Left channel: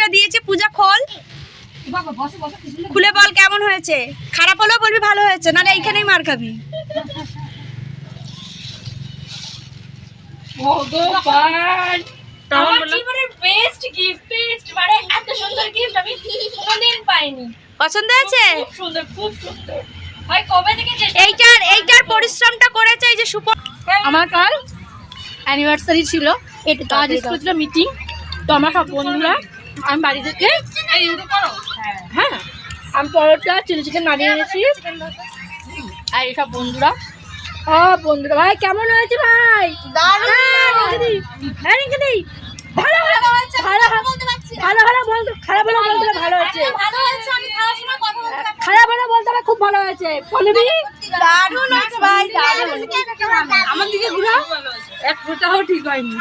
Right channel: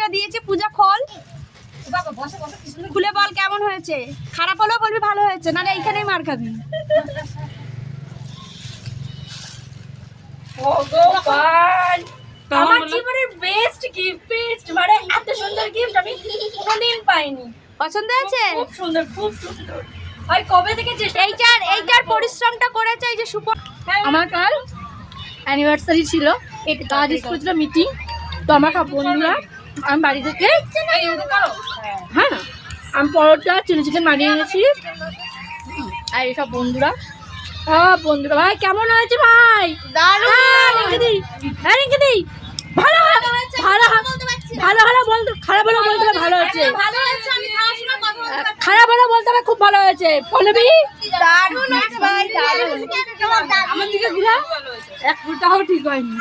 একটা দিয়েছে পূজা খোল, খুলে বল কেমন হয়েছে। খারাপ হলেও বলবি ভালো হয়েছে, নাহলে এইখানেই মার খাবি। ভগবান, আমার জীবনের বেস্ট গিফট, মানে এত সুন্দর গিফট আমি কোনোদিন পাইনি। পছন্দ হয়েছে? খুব সুন্দর, খুব সুন্দর। ভাই কবে থেকে এইটার পরিশ্রমটা করেছে এই যে সুপন। আমার কাল অ্যানিভার্সারি ছিল, এটা কাজ ছিল মিটিং, তো আমার সব বন্ধুরা আমি বাড়ি থেকে হ্যাঁ আমি পরোটা চিলি চিকেন বানিয়ে এনেছি, আর এইসব বন্ধুরা ভাই কেমন হয়েছে ভাই? ভালো ভালো বলতে খারাপ হলে বলতে ভালো হয়েছে, খারাপ হলে বলতে হবে খুব ভালো হয়েছে। বলবি আমার দিকে ঘুরা, এক ফোঁটাও ঠিক হয়নি।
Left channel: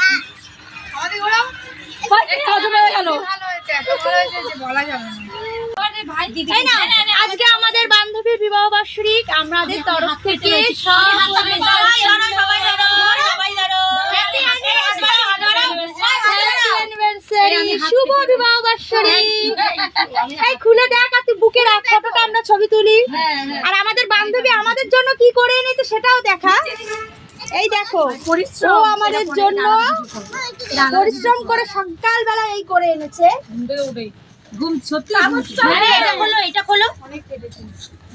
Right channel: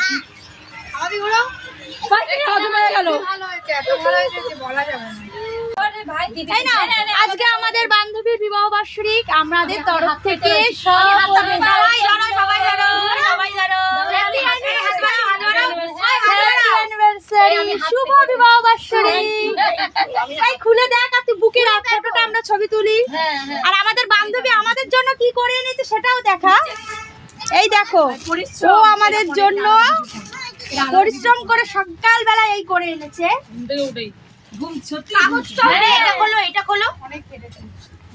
আজকে আমাদের বান্ধবীর বিবাহ বার্ষিক, আমাদের তরফ থেকে শুভ বিবাহ বার্ষিক। খুলে দেখ আর তুই বুকে রাখ, ফটোটা আমরা ছবি তুলি। আর আমাদের বান্ধবী আমাদের জন্য কি করে এনেছে সেটাও দেখা। এই দেখো ও আমাদের জন্য পরিশ্রম করে সকালবেলা এই করে এনেছে। ঘুম সত্যি এটা খোলো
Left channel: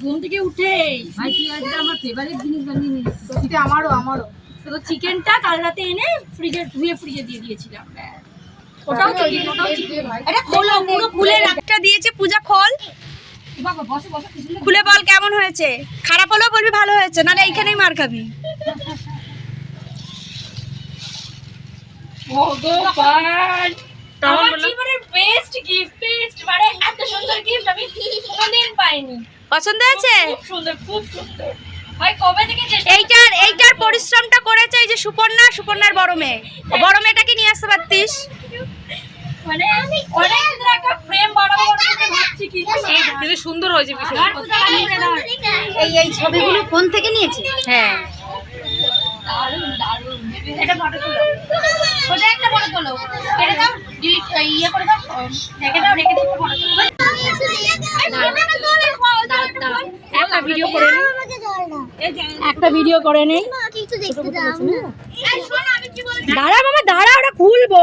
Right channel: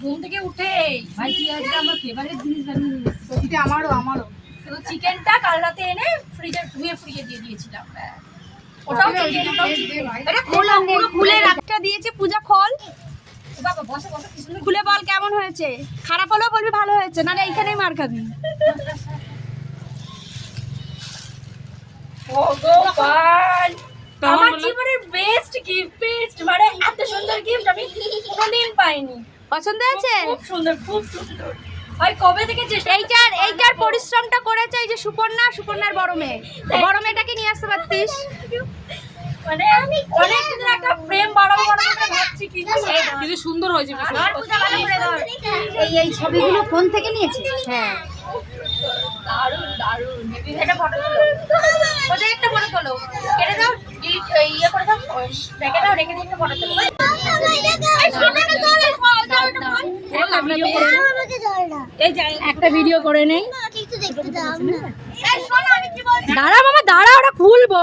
ঘুম থেকে উঠেই ভাই কি আজকে আমার ফেভারিট জিনিস বানিয়ে নিয়েছি। এটা আমারও তো চিকেনটা কাল রাতে এনে ফ্রিজে দিয়ে দিয়েছিলাম। ওটাও চিকেন, এটা খোলো, পুরো খুলে রাখটা দিয়েছে পূজা খোল, খুলে বল কেমন হয়েছে। খারাপ হলেও বলবি ভালো হয়েছে, নাহলে এইখানেই মার খাবি। ভগবান, আমার জীবনের বেস্ট গিফট, মানে এত সুন্দর গিফট আমি কোনোদিন পাইনি। পছন্দ হয়েছে? খুব সুন্দর, খুব সুন্দর। ভাই কবে থেকে এইটার পরিশ্রমটা করেছে এই যে সুপর্ণার বড় মেয়েটাকে নিয়ে আসতে পারতিস। মানে অনেকদিন একটা প্রেম বাড়াবো ভাবছি, কিন্তু সুন্দর হয়েছে বিষয়। এই ছবিগুলো ফোন থেকে নিয়েছে। হ্যাঁ দারুণ দারুণ। এটা ফটো তোলো, সোজা একটা ফটো তোলো, এটা দাও ডিলিট ইয়ে করে দাও, রেখে দাও, রেখে দিয়ে ফটো তোলো। একটা ভিডিও করে নেই। দাঁড়া মামা দাঁড়া, ওটা খুলবো।